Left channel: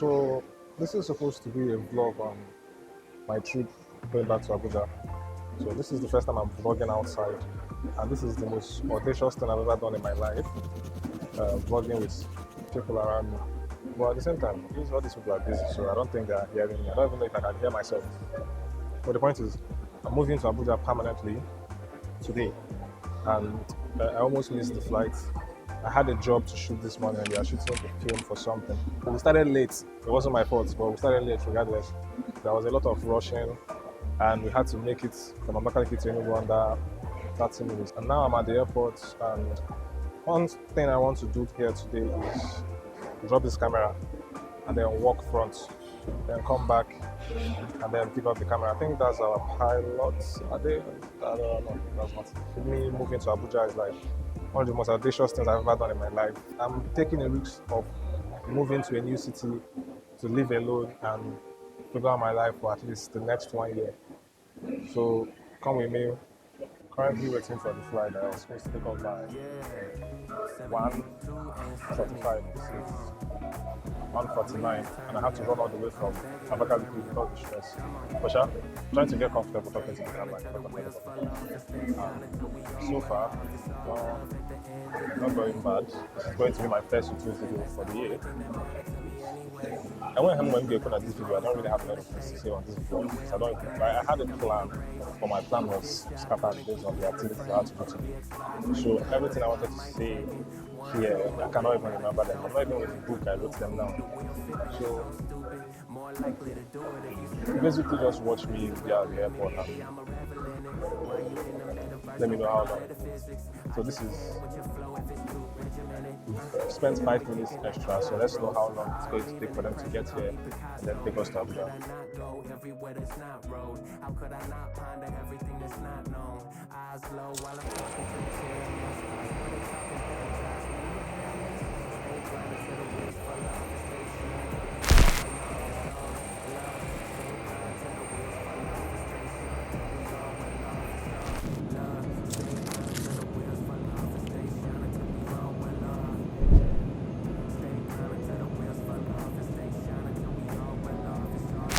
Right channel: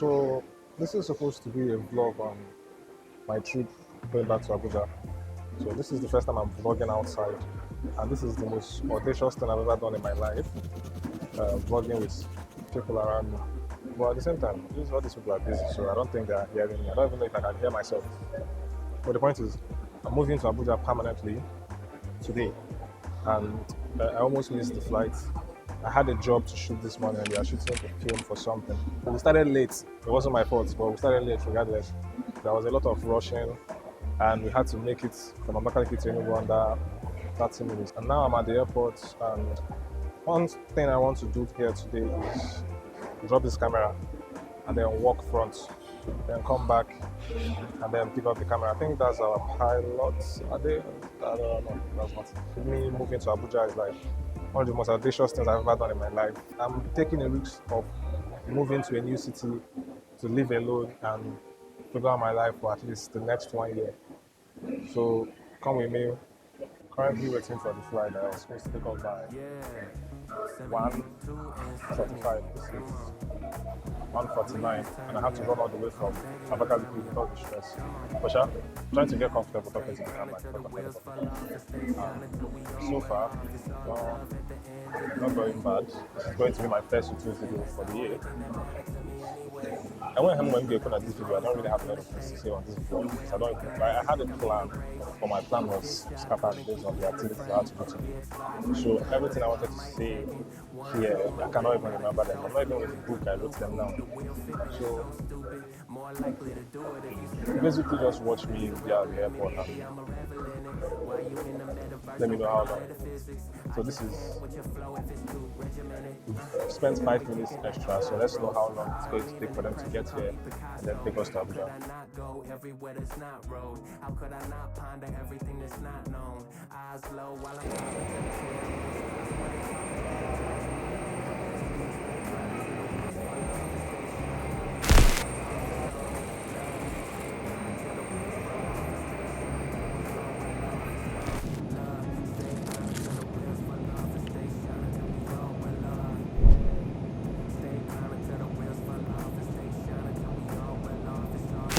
So this is supposed to be a vlog on my trip going back to Abuja. So this is the first time I'm vlogging outside, and this is the most audacious thing I've ever done in my life, vlogging with people around me. But at the same time, all these people are busy, so I don't think they are hearing me. I don't even know if I can hear myself. But the point is, I'm moving to Abuja permanently today, and I almost missed the flight. I had a job to shoot this morning, and we are shooting a film for something. We started late. It wasn't my fault, but we started late regardless. There was a lot of rushing, and we had to make it from Abakaliki to Enugu under 30 minutes. And now I'm at the airport, and one thing I want to do here today is drop this camera and then walk front, then come back and then pick up the camera. I think that's our pilot. Are they? I don't know. That's not. Me moving to Abuja is like one of the most audacious things I've ever done in my life. I'm taking a risk of moving to a new city to live alone and figure out my life for at least the next 1 year. So come with me. Currently waiting for the flight that I was supposed to pick up by 1:45. This is 1:49, and I have to run all the way from Abakaliki with all the stress. But I'm trying to get comfortable talking to the camera. So far, not going bad. This is going to be my first YouTube video for the year. I went home when we opened at this video. I don't really have a lot of things to say on this vlog. So I had a plan, but my plan was scattered based on the activities I had to do today. So everything I wanted to say here, I cannot even remember them. I'm not even with the book, I wrote them down. So basically just watch me be at the airport and let me know how long. So this is, we've spent 5 minutes extra, so let's know how long it's going to take for them to get here and then take us to Abuja. Everywhere that's not road. How could I not ponder everything that's not known? Eyes low while I'm talking to the cameras. When they talking back, drives me stay grounded to the wheels fall off the station. Stay grounded to the wheels fall off the station. We all well off the love. Stay grounded to the wheels fall off the station until we all well off. Stay grounded to the wheels fall off the station until we all well off. It's all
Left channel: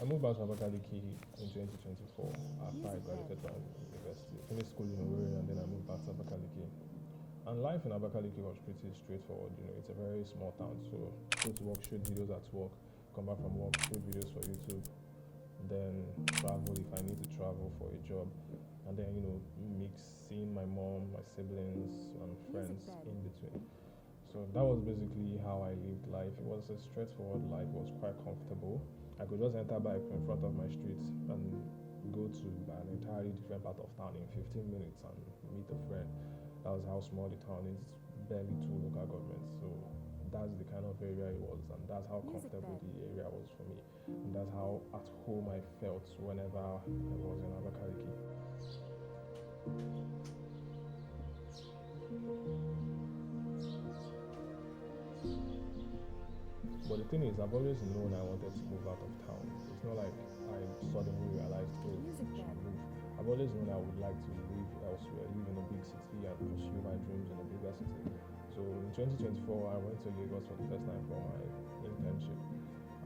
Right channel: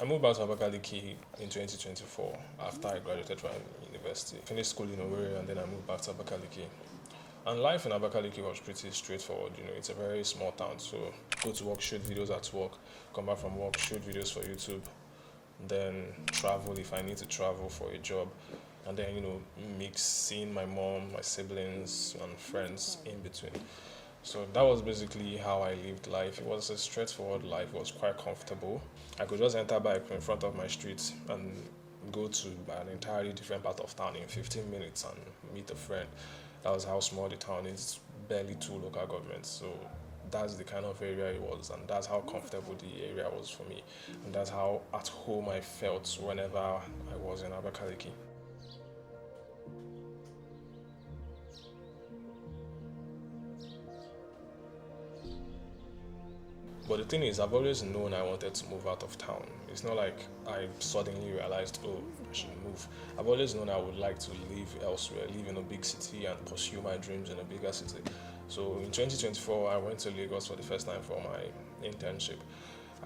I moved back to Abakaliki in 2024 after I graduated from university. Finished school in Owerri and then I moved back to Abakaliki. And life in Abakaliki was pretty straightforward. It's a very small town, so go to work, shoot videos at work, come back from work, shoot videos for YouTube, then travel if I need to travel for a job, and then mix seeing my mom, my siblings, and friends in between. So that was basically how I lived life. It was a straightforward life. It was quite comfortable. I could just enter bike in front of my street and go to an entirely different part of town in 15 minutes and meet a friend. That was how small the town is. It's barely 2 local governments. So that's the kind of area it was, and that's how comfortable the area was for me. And that's how at home I felt whenever I was in Abakaliki. But the thing is, I've always known I wanted to move out of town. It's not like I suddenly realized, I should move. I've always known I would like to live elsewhere, live in a big city and pursue my dreams in a bigger city. So in 2024, I went to Lagos for the first time for my internship.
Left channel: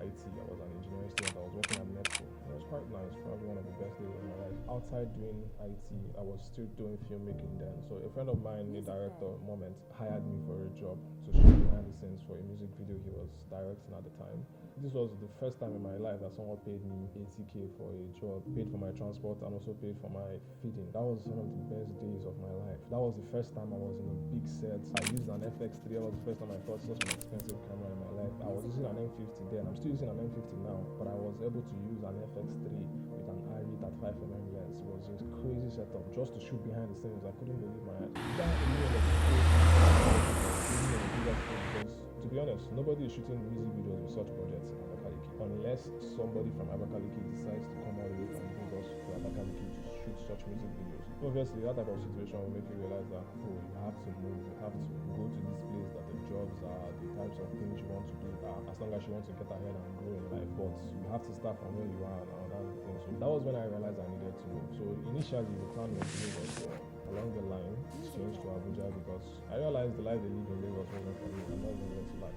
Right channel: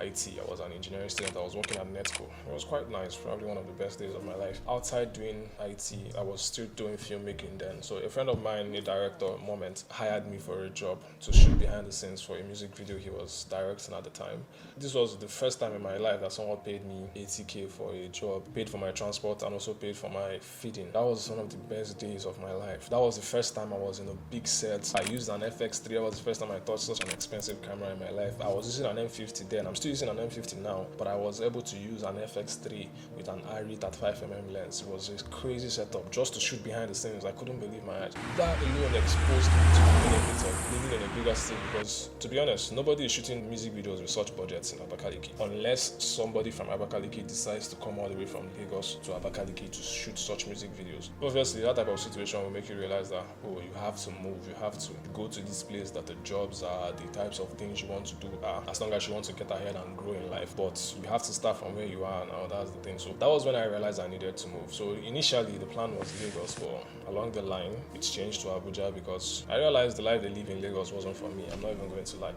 IT. I was an engineering student. I was working at Netco. It was quite nice, probably one of the best days of my life. Outside doing IT, I was still doing filmmaking then. So a friend of mine, a director, Moment, hired me for a job to shoot behind the scenes for a music video he was directing at the time. This was the first time in my life that someone paid me 80k for a job, paid for my transport and also paid for my feeding. That was one of the best days of my life. That was the first time I was in a big set. I used an FX3. That was the first time I touched such an expensive camera in my life. I was using an M50 then. I'm still still using an M50 now, but I was able to use an FX3 with an ARRI 35mm lens. It was a crazy setup just to shoot behind the scenes. I couldn't believe my eyes. That alone exposed me to the benefits of living in a bigger city, because to be honest, nobody is shooting music videos with such budgets in Abakaliki unless somebody from Abakaliki decides to come all the way from Lagos to Abakaliki to shoot such music videos. Obviously, that type of situation will make you realize that, oh, you have to move, you have to go to this place that the jobs are, the types of things you want to do are, as long as you want to get ahead and grow in life. But you have to start from where you are now, that's the thing. So that was when I realized I needed to move. So initially the plan was Lagos, but along the line it's changed to Abuja because I realized the life they live in Lagos wasn't for me. I'm not even going to lie.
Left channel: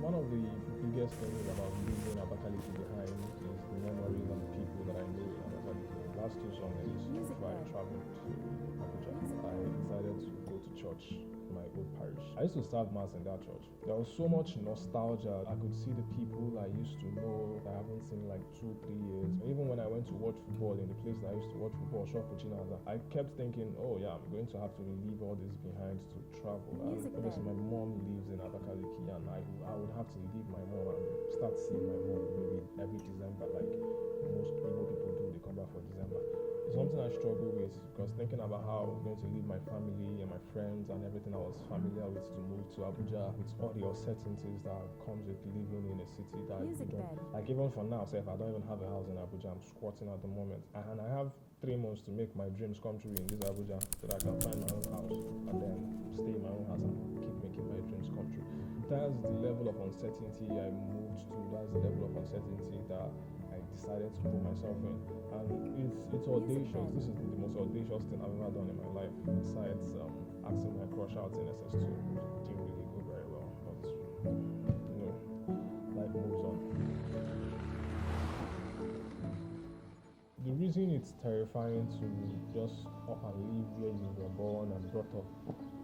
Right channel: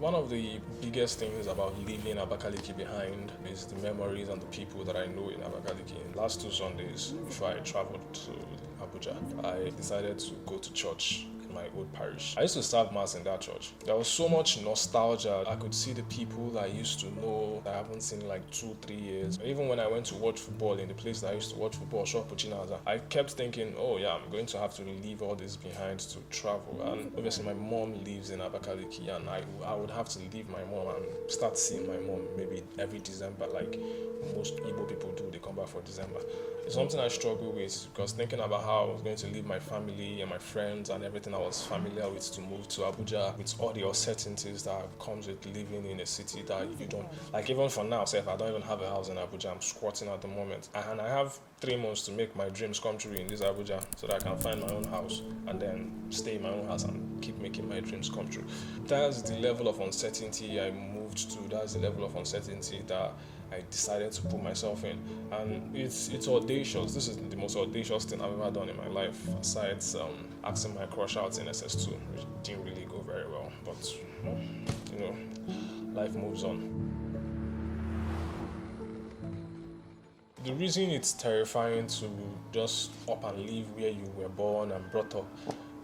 One of the biggest things about leaving Abakaliki behind is the memories and the people that I know in Abakaliki. Last 2 Sundays, before I traveled to Abuja, I decided to go to church in my old parish. I used to serve mass in that church. There was so much nostalgia. I could see the people that I used to know that I haven't seen in like 2-3 years. Even when I went to watch football in the place that I used to watch football, Shop Puchinaza, I kept thinking, oh yeah, I'm going to have to leave all this behind to travel. And obviously my mom lives in Abakaliki, and I would have to leave my mom and start seeing my mom maybe every December, like most Igbo people do. They come back for December. It's something I struggle with, because thinking about how I was going to leave my family and my friends and everything I was familiar with to move to Abuja with all the uncertainties that comes with living in a city that you don't like. Even for now, say if I don't even have a house in Abuja, I'm squatting at the moment, and I have 3 months to make my dreams come true in this Abuja so that I can find my own house and then stay in my own house and keep making my dreams come true. That's the level of uncertainty I moved to. That's the level of uncertainty that I decided to put myself in, and it's audacious. This is the most audacious thing I've ever done in my life, aside asking my crush out in SS2, which didn't really go very well, but you know, life moves on. The reason it's terrifying to just up and leave where you were born and brought up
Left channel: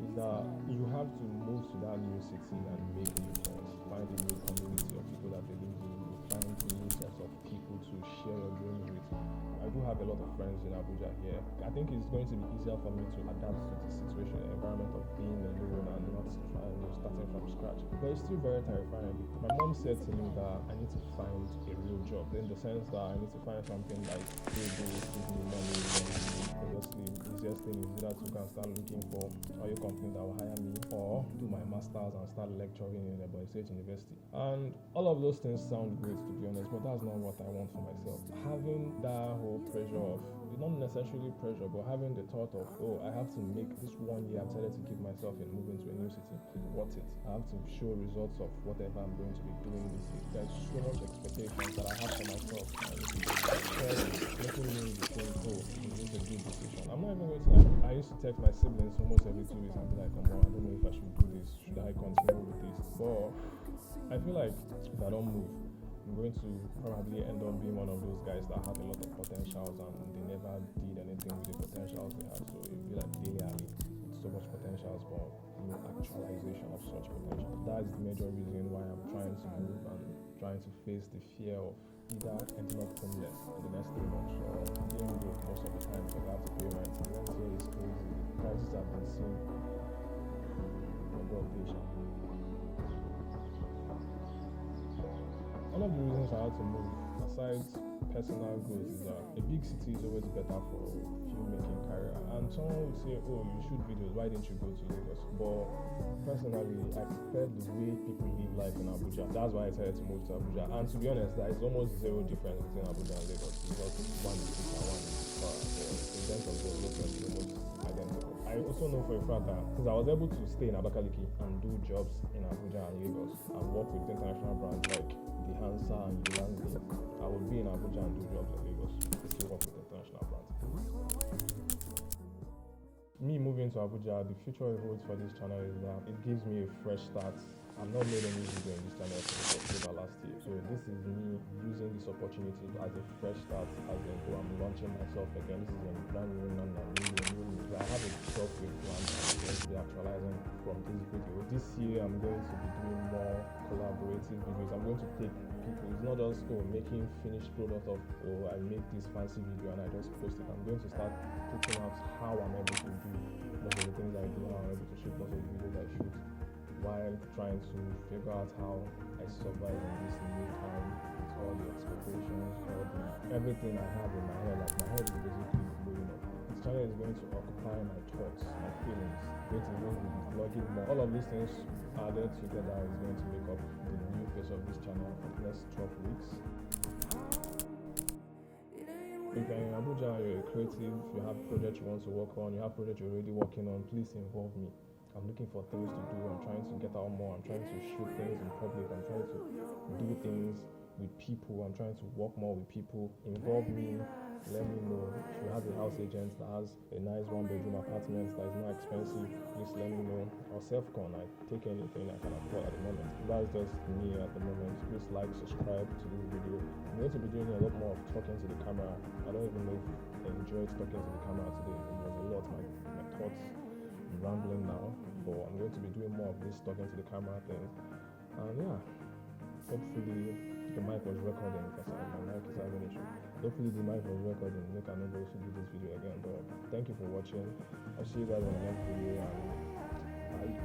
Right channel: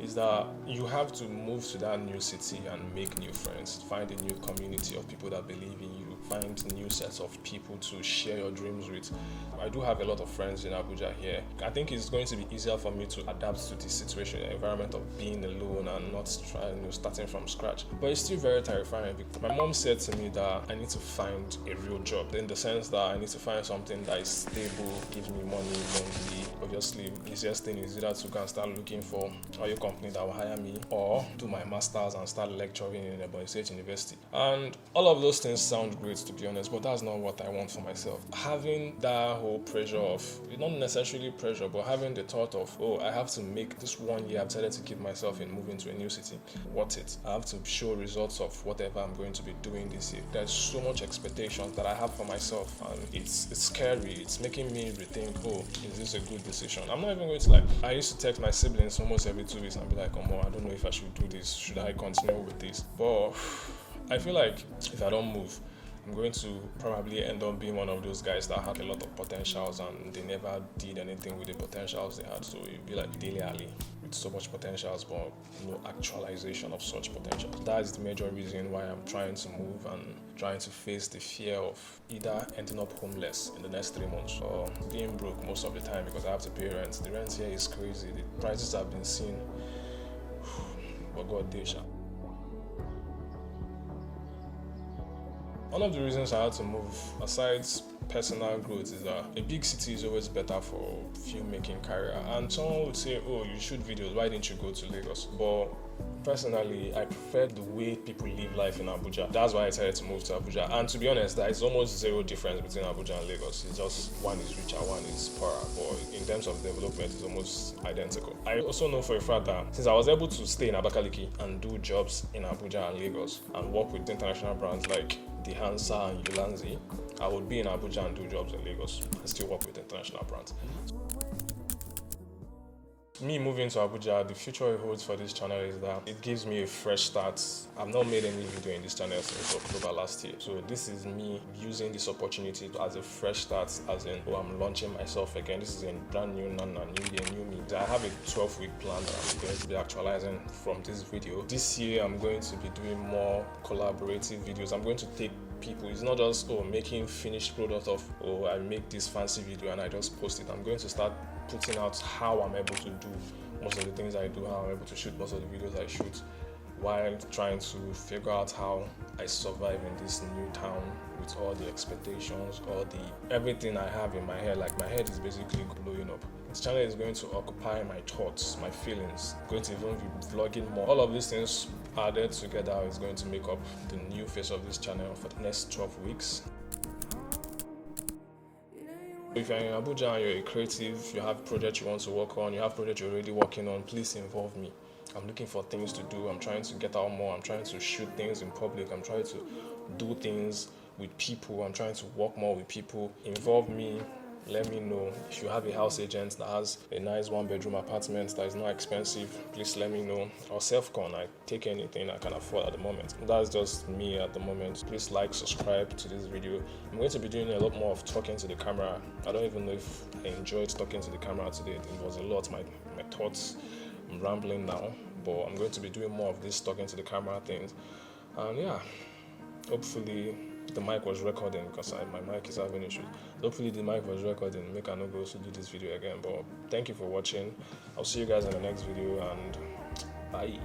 is that you have to move to that new city and make new friends, find a new community of people that believe in you, find new sets of people to share your dreams with. I do have a lot of friends in Abuja here. I think it's going to be easier for me to adapt to the situation, the environment of being alone and not starting from scratch. But it's still very terrifying. My mom said to me that I need to find a real job, in the sense that I need to find something that is stable, gives me money monthly. Obviously, the easiest thing is either to go and start looking for a company that will hire me, or do my master's and start lecturing in a Ebonyi State University. And all of those things sound great, to be honest, but that's not what I want for myself. Having that whole pressure of, not necessarily pressure, but having the thought of, oh, I have to make this 1 year I've decided to keep myself in moving to a new city worth it. I have to show results of whatever I'm going to be doing this year. There's so much expectations that I have for myself, and it's scary. It's making me rethink, oh, is this a good decision? I'm not even going to lie. I used to text my siblings almost every 2 weeks and be like, oh, I don't know if I should do this. Should I continue with this? But I feel like if I don't move, I'm going to probably end up being one of those guys that had a lot of potentials and they never did anything with the potentials they had. So it'd be like Dele Alli with so much potentials, but no actualization of such potential. That's the major reason why I'm trying to move and trying to face the fear of either ending up homeless in the next 3 months or being broke most of the time because I have to pay rent. The rent here is crazy. The prices have been seen. But God, Desha. One of the reasons I had to move, aside personal growth, is that a big city is always better for filmmaking career. And someone would say, oh, you shoot videos, why didn't you go to Lagos? But personally, I prefer the way people live life in Abuja. That's why I decided to move to Abuja. And to be honest, there is almost zero difference between Abuja and Lagos. It's just one is richer, one is poorer. But in terms of development, it's almost identical. I also know for a fact that since I was able to stay in Abakaliki and do jobs in Abuja and Lagos and work with international brands like the Hansa and Ulanzi, I would be in Abuja and do jobs in Lagos and still work with international brands. Me moving to Abuja, the future it holds for this channel is that it gives me a fresh start. I've not made any video in this channel since October last year. So this is me using this opportunity as a fresh start, as in, oh, I'm launching myself again. This is a brand new Nana, new year, new me. I have a 12-week plan that I'm going to be actualizing from this video. This year, I'm going to be doing more collaborative videos. I'm going to take people. It's not just making finished product of I make this fancy video and I just post it. I'm going to start putting out how I'm able to do most of the things I do, how I'm able to shoot most of the videos I shoot, while trying to figure out how I survive in this new town with all the expectations, all the everything I have in my head. Like, my head is basically blowing up. This channel is going to occupy my thoughts, my feelings, going to even be vlogging more. All of these things added together is going to make up the new face of this channel for the next 12 weeks. If you're in Abuja and you're a creative, you have projects you want to work on, you have projects you're already working on, please involve me. I'm looking for things to do. I'm trying to get out more. I'm trying to shoot things in public. I'm trying to do things with people. I'm trying to work more with people. Involve me. Let me know. If you have a house agent that has a nice 1-bedroom apartment that is not expensive, please let me know. Or self-con, I take anything I can afford at the moment. That's just me at the moment. Please like, subscribe to this video. I'm going to be doing a lot more of talking to the camera. I don't even know if I enjoyed talking to the camera today. It was a lot, my thoughts. I'm rambling now, but I'm going to be doing more of this talking to the camera things. And yeah, hopefully the mic was recording, because my mic is having issues. Hopefully the mic was recording, make I not go to do this video again. But thank you for watching. I'll see you guys in the next video, and bye.